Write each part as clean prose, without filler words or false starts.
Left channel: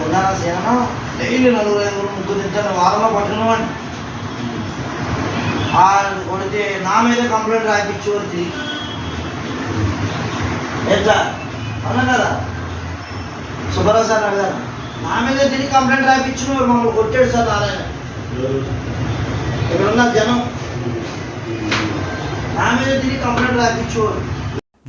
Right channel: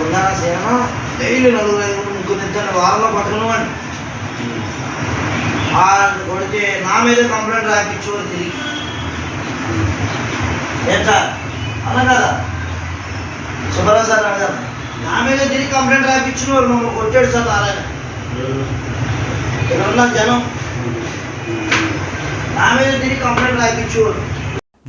ముందర సేన డైలీ 4-5-3 వారంలో పట్టుకున్నామండి. కొడితే నా మీద కంప్లైంట్ రాయించు తిరిగి ఎంత అవునా కదా సుబ్బారావు సార్ అడిగారు. నా మీద తిరిగి కంప్లైంట్ రాయించు మమ్మల్ని కొట్టాడు సార్ నారాయణ. ఇక్కడ ఉన్న జనం నా మీద తిరిగి కంప్లైంట్ రాయించు.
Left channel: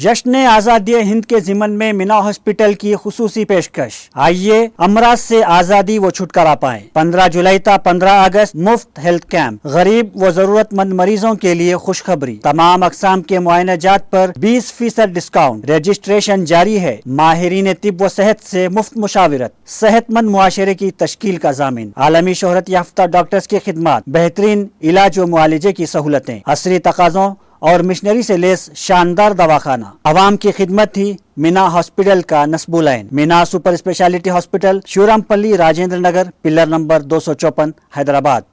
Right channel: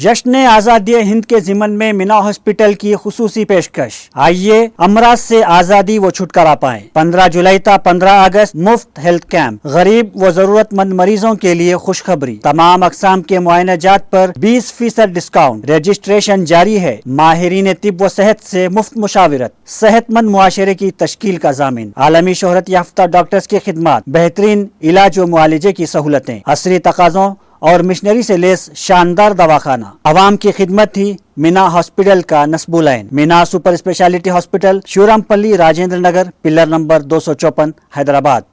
जश्न आज़ादी हिंद के ज़िमन में मीना हॉस्पिटल की खुसूसी पेशकश। आइए अमराज से आज़ादी व छुटकारा पाएं। 15 जुलाई था 15 अगस्त मुफ्त हेल्थ कैंप, गरीब व जरूरतमंद मरीजों के लिए खुशखबरी। तमाम अकसाम के मुआयनाजात पर 20% डिस्काउंट। रजिस्ट्रेशन जारी है। माहिरीन तिब व सेहत से मुफ्त मुशावरत, सेहतमंद मुआशरे की तश्कील का जामिन। आलमी शोहरत याफ्ता डॉक्टर्स की खिदमत, बेहतरीन इलाज व मुआलजे की सहूलतें, असरी तकाज़ों और मिशनरी से लेस शानदार दवाखाना। अवाम की खिदमत थी मीना हॉस्पिटल का नस्बुलैन। Meena super speciality hospital, Shurampalli, Rajendra Nagar, pillar number 254, Hyderabad.